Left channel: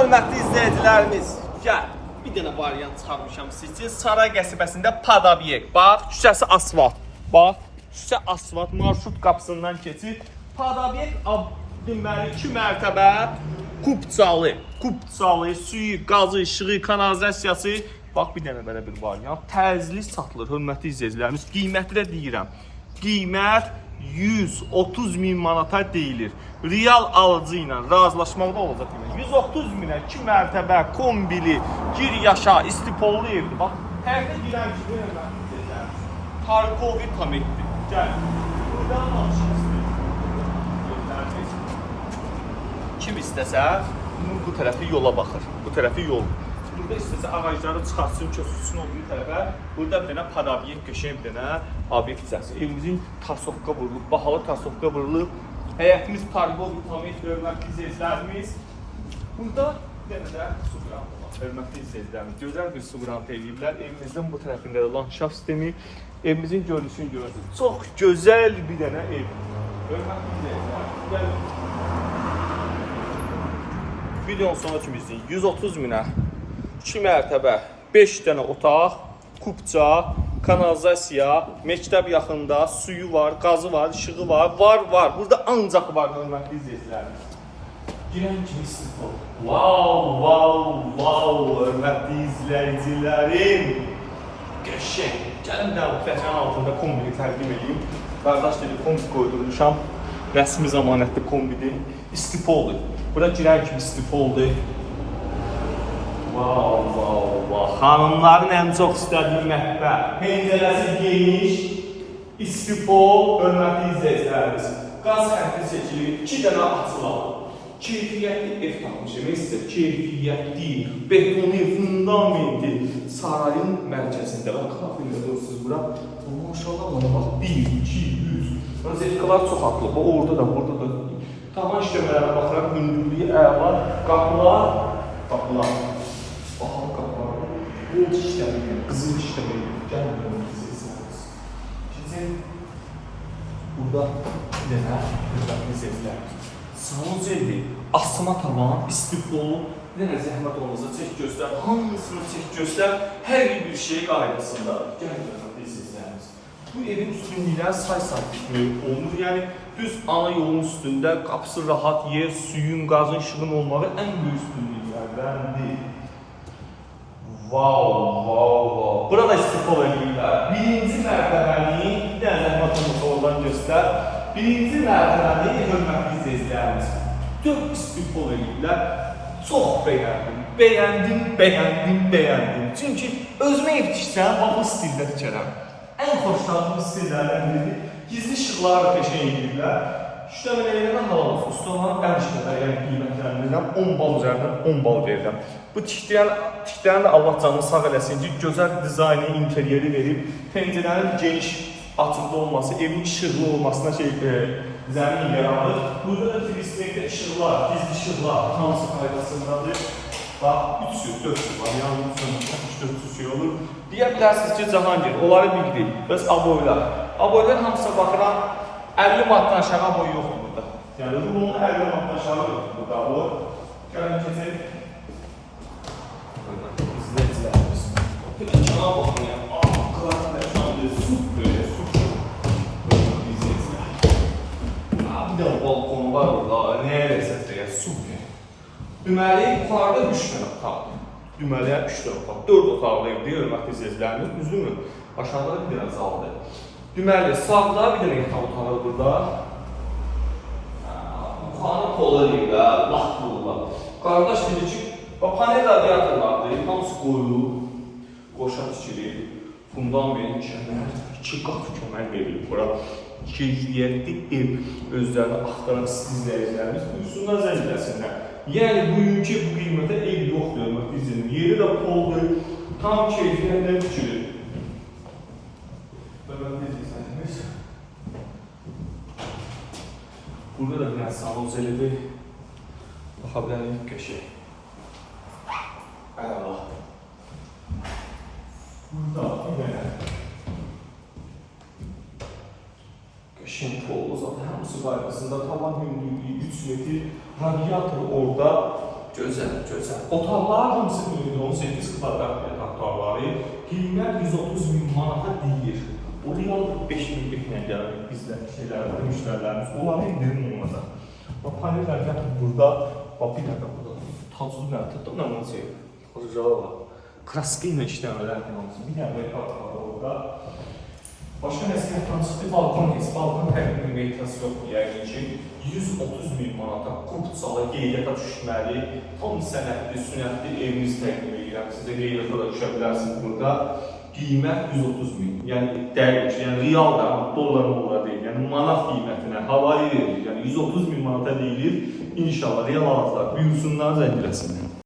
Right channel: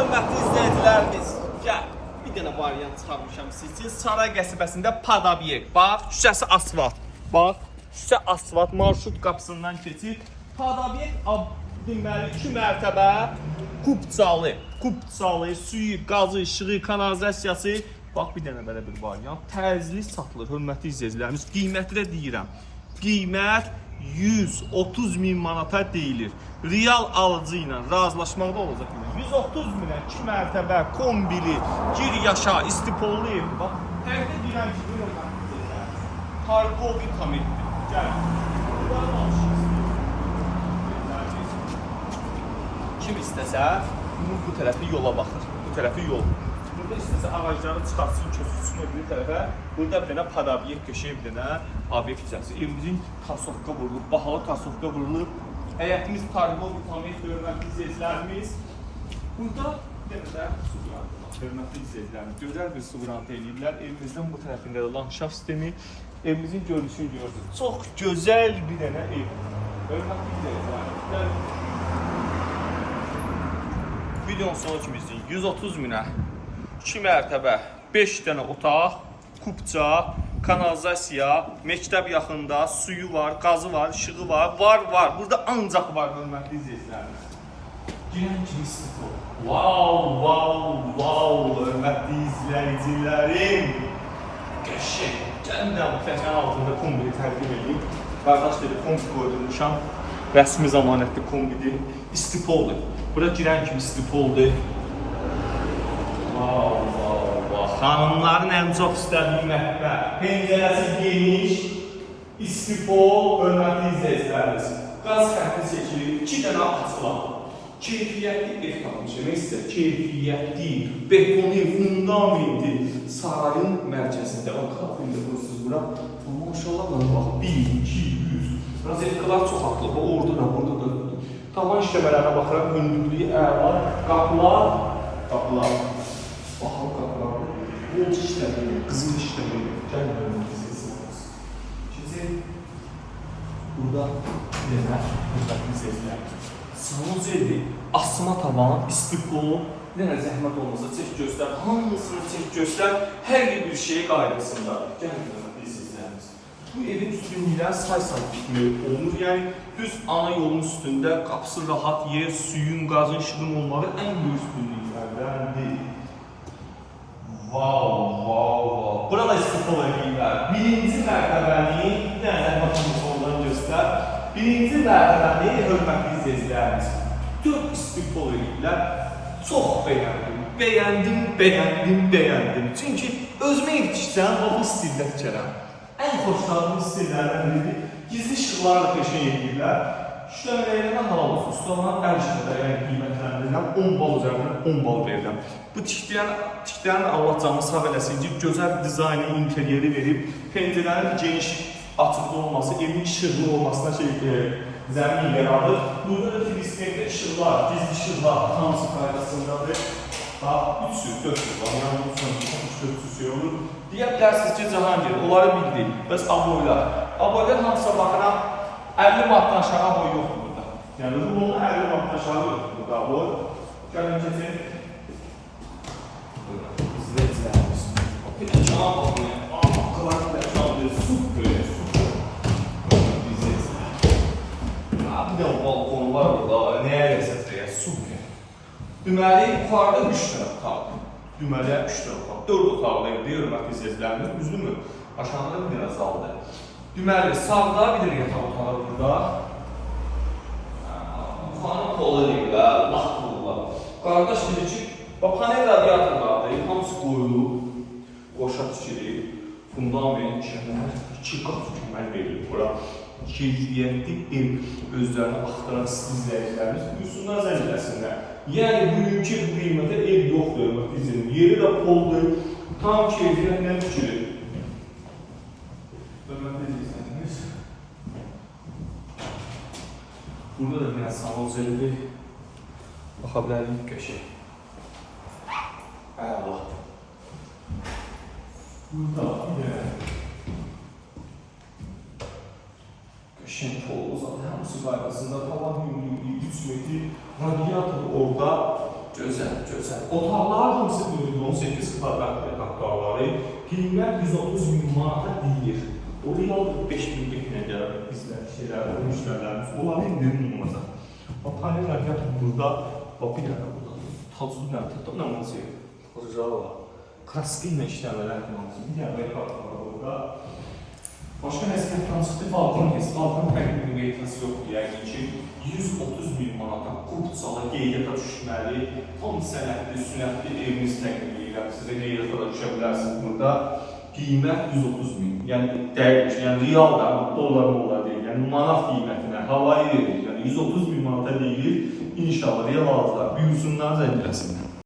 hörmətli izləyicilərimiz, gəl. Bir dənə variant çıxarmışam siz üçün. Saray qəsəbəsində Padabiyek. Bax, küçəsi asfalt. Bax, küçə asfalt marşrut qapısından keçir. Padabiyek deməli 2 mərtəbə Kupçalı, suyu, qazı, işığı, kanalizasiyası. Bax, bir dənə belə bir variant. Tərzli satılır, hörmətli izləyicilərimiz. Qiyməti də deyirəm. Qiymət 130.000 manata deyilir. Real alıcı ilə razılaşmaqda olacaq. 130.000-ə 2 mərtəbə, kombili, gir yaşa, istipollu evdir. Bax, hərdə girən ki, Harkovi komikdir. Gəl. Kim istəsə, bu tərəfi yola baxır. Bu tərəfi yol. Burada istəsə ağacları çıxartsın, köçürsün o bir tərəfə. Burada bir dənə Padabiyek köşəyə bir dənə obyekt hissəsi. Evimizin tasovka vurulur, bahalı tasovka vurulur. Həyətimiz Parkov, Tamik, hörmətli izləyicilərimiz. Burada bir dənə də su qrantı var. Hörmətli izləyicilərimiz. Gözəl bir su qrantı eləyirlər. Evimizin bu tərəfində də landşaft sistemi. Evimizin görüntüsünü görürsünüz. Çox gözəl bir dənə ev. Hörmətli izləyicilərimiz. Videonun sonu kimi izləyin. 130.000-ə 2 mərtəbə, 5 dənə otaq, kupça, kanalizasiya, məktəb yaxında, suyu var, qazı var, işığı var, var. Burada ancaq var, hörmətli izləyicilərimiz. Girən kimi siz ol. Wow, hörmətli izləyicilərim. Qəşəng. Gəlin də bu pləkanın altında kombini təqdim edeyim. Qardaş dedi, kombi qoydurmuşam. Rəsmi zamanətli kombidir. İstipoldur. Bura girən kimi istipoldur. Xanımların ən çox istədiyi mətbəx. Pəncərəsi geniş, istipol, hörmətli izləyicilərimiz. Qaz xətti seçilir, 2 dənə açılar. Keyfiyyətli ev tapmışım, istər keyfiyyətli, betoni, fundamenti sarayın mərkəzində. Kafirdə durursunuz bura. Maşallah, 1, 2, 3. Rozetkalar çox atılıb, orada da, burada da. Tavan şişəmələrə baxıram, hündürlüyü əla, qapılar. Bahalı qapılar. Bu işləmir, qızıl işləmir. Gəlmir, Şimdi burada bir dənə sezlər. Salon zeldir, asma tavan, istipolu, bir dənə zəhmət olmasa çək göstər, hamısını çək göstər, hər bir şey qaydasında. Gəlmir, sezlərimiz. Bu evin üstünlüklər say sabitliyi olunur. Yəni, düz ana yolun üstündə qapısı rahat, yer, suyun, qazın, işığın olmağı ən böyük üstünlüklərdəndir. Wow. Burada istipol edirlər. Birinci mərtəbəliyi, bir dənə zəhmətimizi oradan göstər. Birinci mərtəbəliyi, hörmətli izləyicilərimiz. 4 istipol edirlər. Çox bəyəndim. Çünki özümə yetişsən, bu stildə fikirəm. Ən xoşlandığım stillərdən biridir. Gizli işıqlarla peşə edirlər. Şüşləmələyinə halalıq, ustalarına ən işlədə qiymətləndirirəm, 10 bal üzərindən 10 bal verirəm. Bu tiklərin də Allah canını sağ eləsin ki, gözəl dizayni, interyeri verib, pəncərənin geniş açıqda olması, evin işıqlı olmasına zəmin yaradır. Burada da filismeydə işıqlar, gizli işıqlar, hansı qaydasındadır. Bax, 300-400 var, yəni 300-400 şey olur. Deyə bilərsiniz ki, Cahangir, onları bildik. Bəs aboylar. Aboylar hamısa baxıram, 50 manatdan aşağı aboy yoxdur burada. Yəni, bunun 50 manatdan aşağı yoxdur burada aboy. Gəlin keçək. İzləyicilərimiz. Bir də kima baxın, yəni, qılarını da şu an bir süt böyle, süt izləyicilər. Bir də balkonu var burada, nəyə ləzzətdir, super. Deməli, yuxarıda 3 dənə otaqdır. Deməli, 3 dənə otaq. 4 otaqlı evdir, hörmətli izləyicilərimiz. Düzdürmü? Aşağıda bir dənə zaldır. Deməli, sağda bir dənə yataq otağı burada. Yuxarı polu deyirlər, vaxt bulurlar. Qardaş dedi ki, panel radiatorlardır, hamısı qoyulub, qoşa tikilir. Fundament, kəmər, 2 qat kəmər verilir bura. Keyfiyyətli ev özlərini axtaran izləyicilərimiz buyursunlar zəncirləsinlər. Yəni, bugünkü bu qiymətə ev yoxdur, hörmətli izləyicilərimiz. Yeri də poldur, tam keyfiyyətlə tikilir. Burada da bir salon zelidir. Baxa bilərim, köşək. Əla. Burada bir dənə köşək polu zaten hamısı qaydasında. Tavan hündürlüyü 3 metr. Radiator orada. Gözəl, gözəl. Otaqlar hamısı 18 kvadrat metr otaqları. Qiymət 130.000 manata deyir. Oraya 5.000 nə gəlir? Bizlər kişilər, müştərilərimiz onların ünlü olacaq. Panellər gətir burada. Bir dəqiqə burada. Taclı nə olacaq? Ocağı var. Kraska ilə işləmələr hamısı. Bir dəqiqə burada. Başqa nəsliyyətdən çıxdı, balkon heç. Balkon təqdim meytası yoxdur, yəqin ki. 130.000 manata qurtsala qeydiyyata düşməli, tam sənətli, sünətli evimiz təqdim edirəm. Sizə qeydiyyata da düşə bilərsiniz burada. Qiymət 130.000, yəni dəqiq, yəni real da, dollar deyil, yəni manat qiymətinə havayı verir, yəni 130.000 manata deyilir. İnşallah real aldılar, buyursunlar, zəng eləsinlər.